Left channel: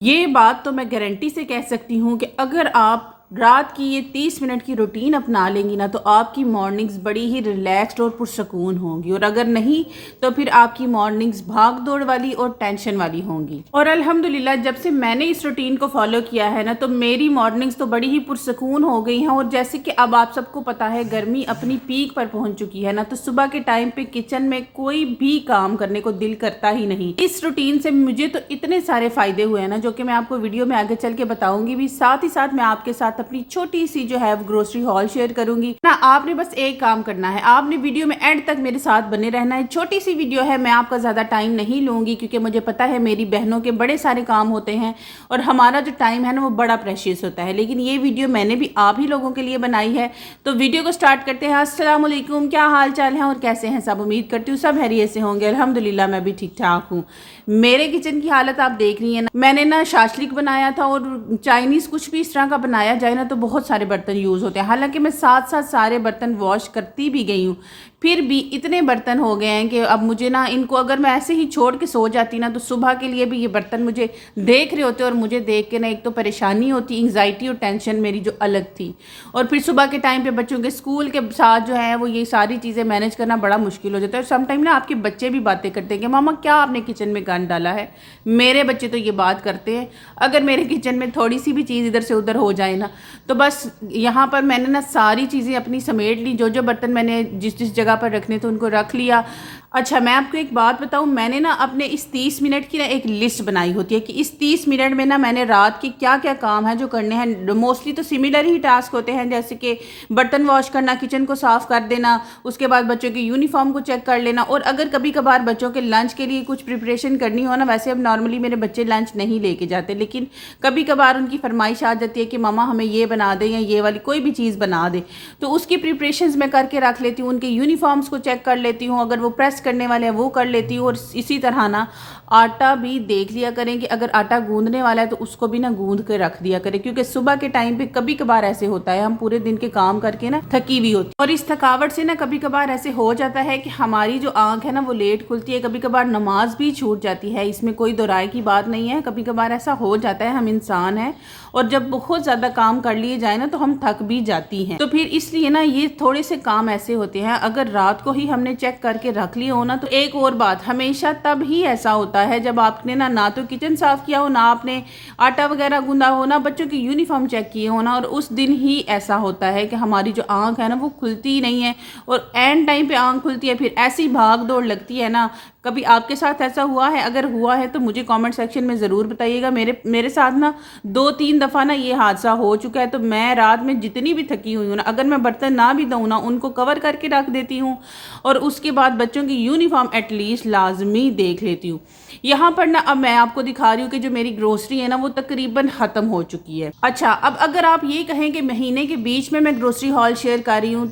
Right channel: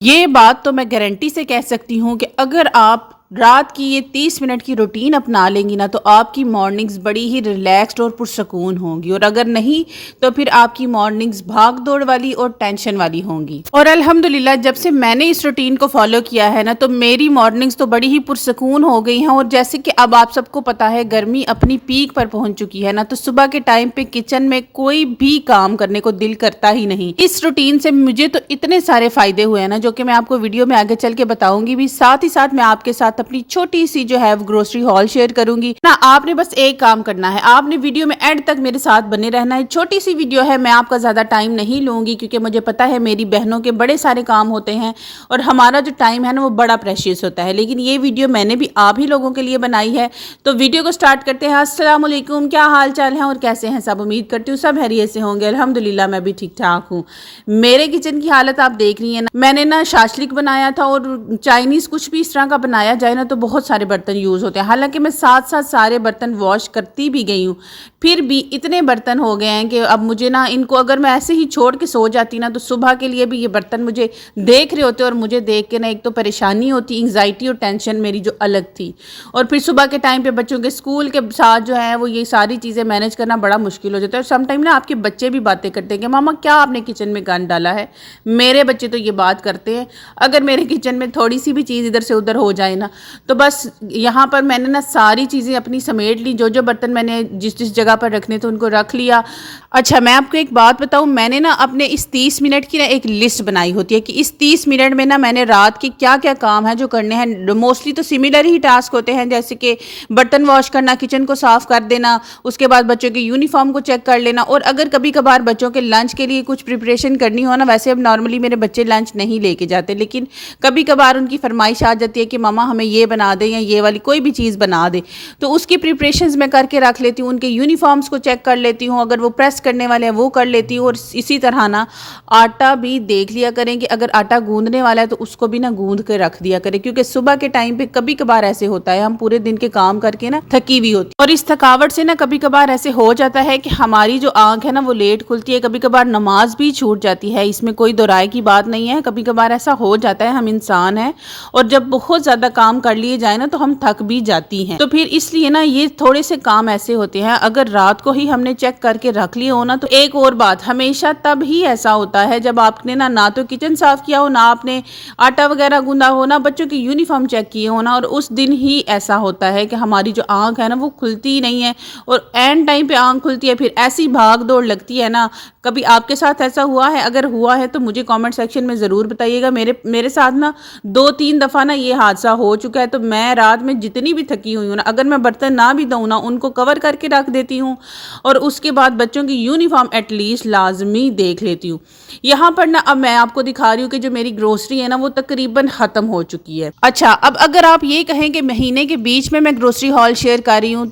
ये बात तो मैं गारंटी से कह सकती हूँ कि अगर आप रात की ये 30 मिनट की रूटीन अपना लेंगी ना तो आपकी मॉर्निंग्स बड़ी ही रिलैक्स्ड और पुरसकून होंगी, और अगर नहीं तो फिर आपकी मॉर्निंग्स भाग दौड़ वाली और टेंशन वाली होंगी। और अल्हम्दुलिल्लाह जब से मैंने इस रूटीन को फॉलो किया है ना तो मेरी मॉर्निंग्स तो बड़ी ही पुरसकून हो गई हैं। और जैसे कि अब आप सबको पता है गर्मी अपनी पीक पर पहुंच चुकी है ना, तो सुबह के टाइम पे किचन में कोई भी काम करने को दिल करता ही नहीं। इस रूटीन से मुझे तो इतने सारे फायदे हुए हैं ना, जो कि मैं आपको वीडियो में आगे चल के बताऊंगी भी। साथ ही साथ मैं आपके साथ अपनी छोटी सी जो है ग्रोसरी हॉल शेयर करूंगी ना। आपने बस एक काम करना है, आपने वीडियो में एंड तक मेरे साथ बने रहना है। छोटी सी वीडियो है, मैं आपका ज्यादा टाइम नहीं लूंगी क्योंकि मुझे पता है मेरी बहनों के बड़े सारे काम होते हैं और हमारा जो टाइम है ना वो बड़ा प्रेशियस होता है। लेकिन ये वीडियो मैंने भी आप ही लोगों के लिए बनाई है। तो वीडियो को स्टार्ट करते हैं। अस्सलाम वालेकुम, क्या हाल चाल है और कैसे हैं सब? उम्मीद करती हूँ सब खैरियत से होंगे। अल्हम्दुलिल्लाह मैं भी ठीक ठाक हूँ। मेरे किचन की हालत आप देख रही हैं ना, मैंने ना शाशलिक बनाया था और चाइनीज कुछ भी इस तरह का बनाया जाए ना तो बहुत सारे बर्तन यूज़ होते हैं। हालांकि मैं साथ साथ सारे बर्तन वॉश करती भी गई हूँ, फिर भी इतने बर्तन हो गए हैं कि अब मुझे ना इनको अगर मैं ऐसे ही छोड़ के सो जाती ना तो सुबह के लिए भी ये बर्तन मुझे देख रहे होते और मुझे देख के ना एक तो परेशानी होती, एंग्जाइटी और टेंशन मेरी जो अलग थी। और फिर सुबह के टाइम पे बच्चों के स्कूल के साथ जो है वो ये सारी चीज़ें मैनेज करना बड़ा मुश्किल हो जाता है। और समटाइम ना आपके बच्चे भी बातें करते हैं कि मामा क्या आपने किचन में गंद डाला है। मेरे बच्चे तो ये बात करते हैं, अगर मेरे किचन में थोड़ी सी भी चीज़ इधर से उधर हो जाए ना तो बस यहाँ पर मैंने ना सारी चीज़ें अपनी समेट ली। जो जो बर्तन मैंने जिस जिस जगह पर रखने थे उनको रख लिया। अच्छा, मैं आपको एक बात बताऊं, मैंने ना अपने इस 30 मिनट की ना एक लिस्ट बनाई होती है कि इस 30 मिनट में ना मैंने रात की क्या क्या काम है जो करने हैं। मोस्टली तो सिमिलर ही टास्क होते हैं, जैसे कि बर्तन वॉश करना, किचन को साफ़ कर देना, उसके बाद बच्चों की यूनिफॉर्म को चेक कर लेना, और अगर कभी कभार बच्चों के लंच के लिए कुछ प्रिपरेशन करनी हो ना। वैसे अब नॉर्मली मेरे बच्चे लंच नहीं लेके जाते, लेकिन कभी कभार उनकी फरमाइश आ जाती है कि मामा हमें ये बना दे या ये वाली कोई भी चीज़ बना दे, तो उसकी प्रिपरेशंस मैं करके रख लेती हूँ। उनके यूनिफॉर्म्स को चेक कर लेती हूँ, अगर वो प्रेस करने वाले हैं वो कर लेती हूँ। और इसी तरह ना आटा भी देख लिया करें कि अगर आटा गूंदने वाला है तो उसको भी ना गूंद के रख दिया करें, क्योंकि सुबह के टाइम पे कभी कभार ऐसे होता है हम पूरे दिन के काम करके ना थकी हुई होती है, और इस थकावट से ना कभी कभार ऐसे हो जाता है कि हमारी जो आंख है ना वो लेट खुलती है, कभी कभार नमाज भी छूट जाती है। इसमें कोई दो राय की बात नहीं है, कभी कभार ऐसा हो जाता है, हम इंसान हैं और जब बहुत ज्यादा काम कर लिए जाए ना तो हम थक भी जाती हैं। तो फिर इसलिए ना ये थोड़े से काम ऐसे होते हैं, अगर रात को ही हमने चेक करके रख लिए हो ना तो एक और बात, हमेशा तब ही ऐसा होता है जब आपने ना तो किचन साफ किया हो, ना आपने आटा वगैरह गूंदा हो, ना बच्चों की यूनिफॉर्म चेक किए हो ना, और उस दिन ही ऐसा होता है कि हमारी जो आंख है ना वो खुलती ही नहीं है और एंड टाइम पे आंख खुलती है, फिर ऐसी भाग दौड़ लगती है ना। कभी आपके साथ ऐसा हुआ है? अगर हुआ है तो मुझे कमेंट सेक्शन में ज़रूर बताइएगा। मेरे साथ ना 2-3 दफ़ा ना ये हादसा हो चुका है। तो मैं रात में जितनी भी थकी हुई हूँ ना, अगर मैं बर्तन ना भी धोऊँ ना उनको कवर करके रख देती हूँ, और उसके बाद बच्चों की यूनिफॉर्म एटलीस्ट लाजमी देख लेती हूँ। यहाँ पर ना अब मैं आपको दिखा रही हूँ कि जो मेरी ग्रोसरी है ना वो तकरीबन ख़त्म हो चुकी है। अच्छा, अब अगर आप ये कहें कि महीने के बीच में मैं ग्रोसरी हॉल शेयर कर रही हूँ,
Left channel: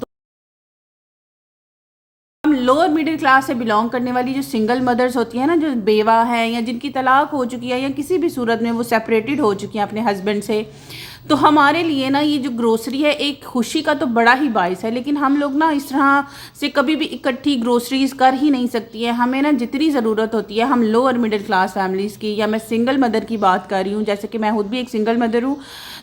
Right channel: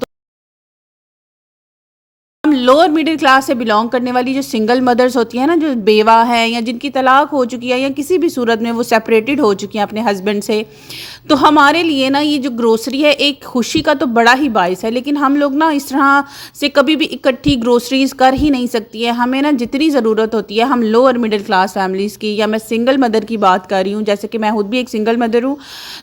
हम लोअर मिडिल क्लास से बिलोंग करने वाली जो सिंगल मदर्स होती हैं ना, जो बेवा है या जिनकी तलाक हो चुकी है या किसी भी सूरत में वो सेपरेटेड हो चुकी हैं अपने हस्बैंड से, तो हमारे लिए ना ये जो ग्रोसरी है एक खुशी का तो बड़ा ही बाइस है। लेकिन हम लोग ना इस तरह से कभी भी इकट्ठी ग्रोसरीज कर ही नहीं सकती है। हमें ना जितनी ज़रूरत होती है, हम लोअर मिडिल क्लास फैमिलीज़ की, या मैं सिंगल मदर की बात कर रही हूँ, जैसे कि मैं खुद भी एक सिंगल मदर हूँ,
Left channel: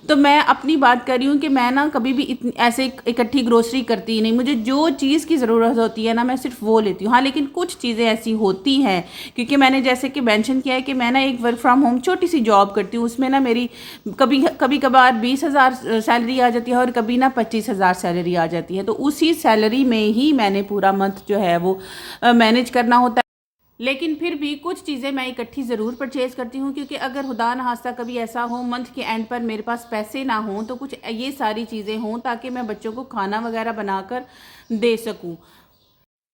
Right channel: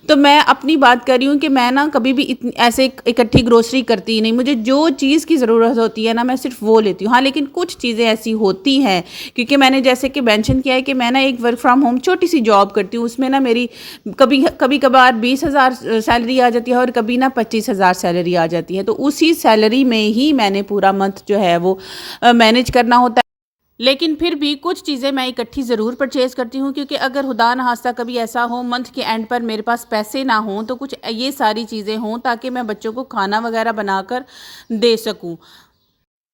तो मैं अपनी बात कर रही हूँ कि मैं ना कभी भी ऐसे इकट्ठी ग्रोसरी करती ही नहीं। मुझे जो चीज़ की ज़रूरत होती है ना मैं सिर्फ वो लेती हूँ। हाँ, लेकिन कुछ चीज़ें ऐसी होती हैं, क्योंकि मैंने जैसे कि मेंशन किया है कि मैं ना एक वर्क फ्रॉम होम छोटी सी जॉब करती हूँ, उसमें ना मेरी कभी कभार 20,000 सैलरी आ जाती है और कभी ना 25,000 सैलरी आ जाती है। तो उसी सैलरी में ही मैंने पूरा मंथ जो है वो मैनेज करना होता है। लेकिन फिर भी कुछ चीज़ें मैं इकट्ठी ज़रूर परचेज़ करती हूँ, क्योंकि अगर खुदा न खास्ता कभी ऐसा हो मंथ के एंड पर मेरे पास पैसे ना हों तो कुछ ये सारी चीज़ें हों ताकि मैं बच्चों को खाना वगैरह बनाकर दे सकूँ।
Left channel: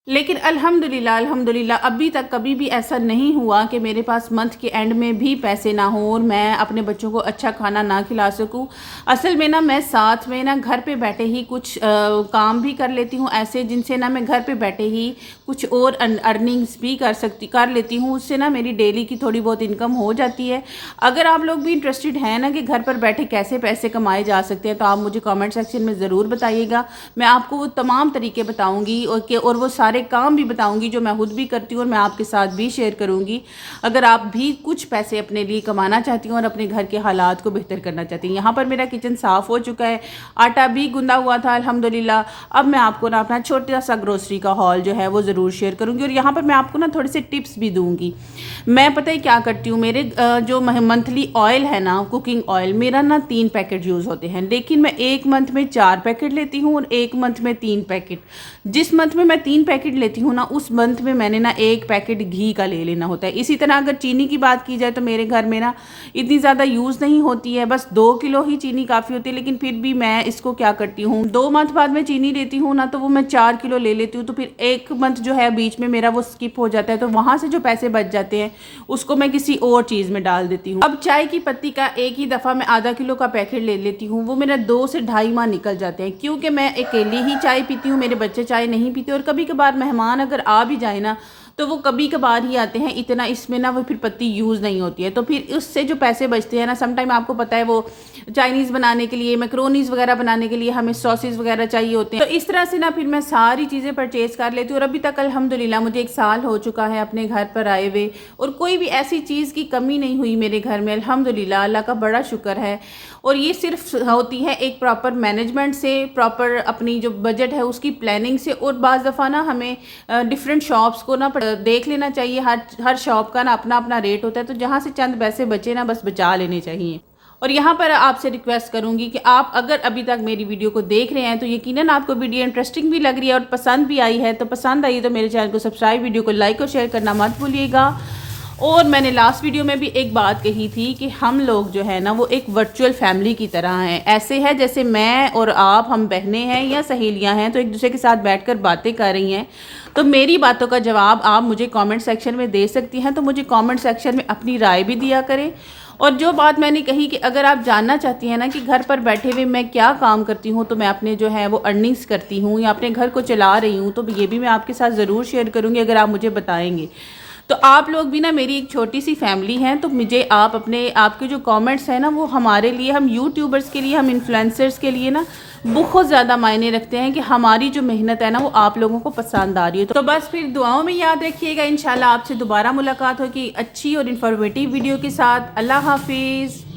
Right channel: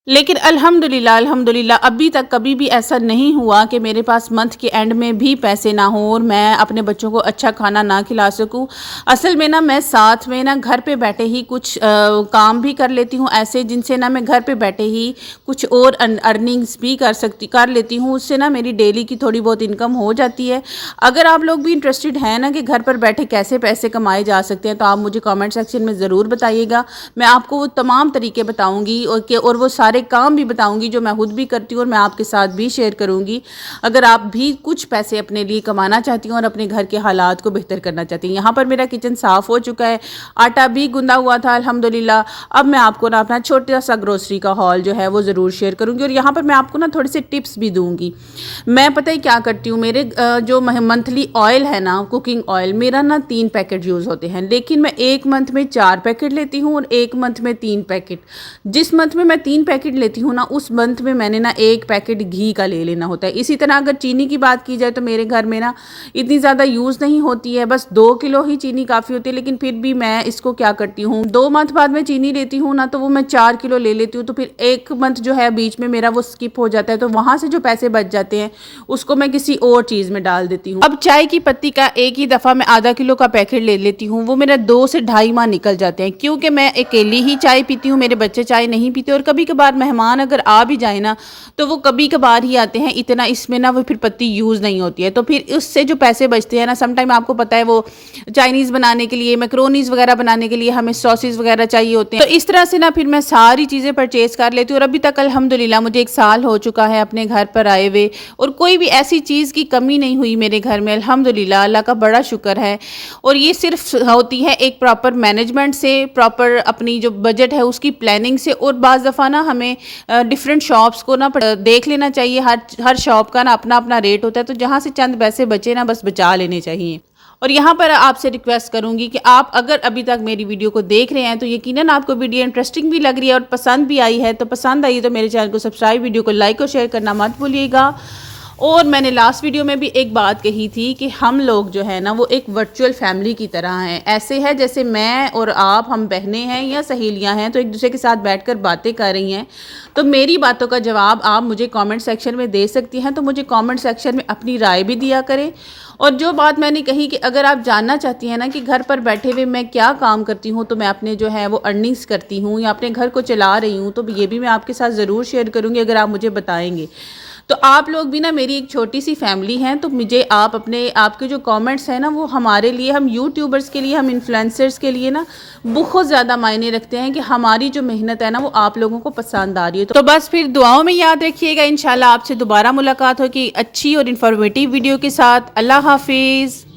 लेकिन अल्हम्दुलिल्लाह अल्हम्दुलिल्लाह अभी तक कभी भी ऐसा नहीं हुआ कि मेरे पास मंथ के एंड में भी पैसे ना हो और मैं अपने बच्चों को अच्छा खाना ना खिला सकूं। असल में ना मैं साथ में ना घर पे बैठे ही कुछ काम भी कर लेती हूँ ऐसे, जिनसे ना मैं घर पे बैठे ही कुछ और अर्निंग्स भी कर लेती हूँ। उससे ना मेरी डेली की थोड़ी बहुत इनकम हो जाती है। अगर आप लोग भी इंटरेस्टेड हैं ना कि घर पर बैठे कैसे पैसे कमाए जा सकते हैं तो आप मुझे कमेंट सेक्शन में ज़रूर बताइएगा। मैं आपको वो तमाम तरीके बताऊँगी और वो सारे सारे काम भी बताऊंगी जो मैं खुद भी करती हूँ और मैं आपके साथ भी शेयर करूंगी, अगर आप भी कुछ पैसे अपने लिए कमाना चाहती हूँ और अपने घर के हालात को बेहतर करना चाहती हूँ। यहाँ पर मेरा किचन साफ़ हो चुका है, आटा भी गूंदा हुआ था अल्हम्दुलिल्लाह। अब मैं आपको ना अपना छोटा सा ग्रोसरी का हॉल जो है वो ज़रूर शेयर करूँगी और यहाँ पर मैं आपको ना थोड़े से टिप्स भी दूँगी। मैं पता है क्या करती हूँ, मेरे जो मंथली ऑयल है ना, कुकिंग ऑयल, मेरा ना 3 पैकेट यूज़ होते हैं, लेकिन मैं एक मंथ में 4 पैकेट लेती हूँ और एक मंथ में 3 पैकेट। जिस मंथ में मैं 3 पैकेट लेती हूँ ना, उस मंथ में मैंने ना 1 पैकेट घी का ले लेना होता है। इसी तरह अगर चीनी की बात की जाए तो मेरे घर में ना इतनी ज़्यादा यूज़ नहीं होती है, बस 2 किलो ही चीनी काफ़ी होती है, लेकिन फिर भी मैं इसको क्या करती हूँ, 2 मंथ बाद में चीनी लेती हूँ ना तो वो मैं 4 किलो ले लेती हूँ, तो फिर एक मंथ जो है बीच में मेरा वो स्किप हो जाता है, तो वहाँ से जो पैसे बच जाते हैं उसको मैं किसी और चीज़ में डाल देती हूँ। अब चाय की पत्ती का एक ही दफ़ा मैं आधा किलो का पैकेट ले लेती हूँ, वो मेरा 2 से ढाई माह निकल जाते हैं, क्योंकि मैं अकेली ही चाय पीती हूँ, मेरे बच्चे चाय नहीं पीते और कभी कभार मेहमान अगर आ भी जाए ना तो वो कभी कभार ही आते हैं, इतना इसमें ना वो फिर पत्ती यूज़ नहीं होती है, तो फिर उससे जो पैसे बचते हैं ना, समटाइम आपको पता है वो चाइनीज़ बनाने के लिए, मैक्रोनीज़ वगैरह बनाने के लिए हमें सॉसेस वगैरह चाहिए होते हैं, तो इस तरह से ना फिर मैं सारी चीज़ें परचेज़ कर लेती हूँ। और अभी तक अल्हम्दुलिल्लाह मुझे 1 साल हो चुका है अपने घर पर आए हुए और कोई भी ऐसी चीज़ की कमी नहीं हुई मेरे घर में, अल्हम्दुलिल्लाह, अल्लाह का बड़ा शुक्र है। और ये सिर्फ होती है एक प्रॉपर मैनेजमेंट से, प्रॉपर अपनी जो बजट है उसकी प्लानिंग से, और बाज़ दफ़ा ना हमें डिफरेंट शॉप्स को ना देख लेना चाहिए, हर शॉप का ना अपना अपना रेट होता है, तो जहाँ से चंद पैसे बचे ना बस बचा लेने चाहिए। और यहाँ पर आपसे रिक्वेस्ट करूँगी कि आप अगर अभी तक मेरी वीडियो को देख रहे हैं तो यकीनन आपको वीडियो इंटरेस्टिंग भी लग रही है और पसंद भी आई है, तो पसंद आई तो मेरे चैनल को सब्सक्राइब, वीडियो को लाइक और शेयर करना मत भूलिएगा। और मैंने लास्ट वीडियो में भी एक बात कही थी कि हम लोग जो है ना वो एक वर्चुअल फैमिली की तरह हैं, ऐसे है जैसे मैं और आप, हम बहनें हैं या सहेलियां हैं, तो एक दूसरे के साथ बैठकर बातें कर रही हैं। तो मेरी बातों का जवाब आप मुझे कमेंट सेक्शन में दे सकती हैं, तो मुझे कमेंट सेक्शन में अपनी राय भी दिया करें। और जो बात मैंने कही कि अगर आप जानना चाहती हैं ना कि घर पर बैठे हुए मैं क्या काम करती हूँ, तो मैं अपने जो है वो अर्निंग्स करती हूँ या अपने घर को चला रही हूँ, तो ये भी मैं आपके साथ ज़रूर शेयर करूँगी अगर आप मुझे बताएंगे। तो आप लोग भी ना मेरी एक छोटी सी फैमिली हैं, तो मुझे आप अपने आपके जो कमेंट्स हैं ना वो हमारे लिए, हम यूट्यूबर्स के लिए, हम इन्फ्लुएंसर्स के लिए ना बहुत ज़्यादा मायने रखते हैं कि हमारी जो मेहनत है ना वो आप लोगों को पसंद आ रही है। तो बस फिर दुआओं में याद रखिएगा, इंशाल्लाह आपसे दोबारा मुलाकात होगी अच्छी और इन्फॉर्मेटिव वीडियो के साथ। अल्लाह हाफिज़।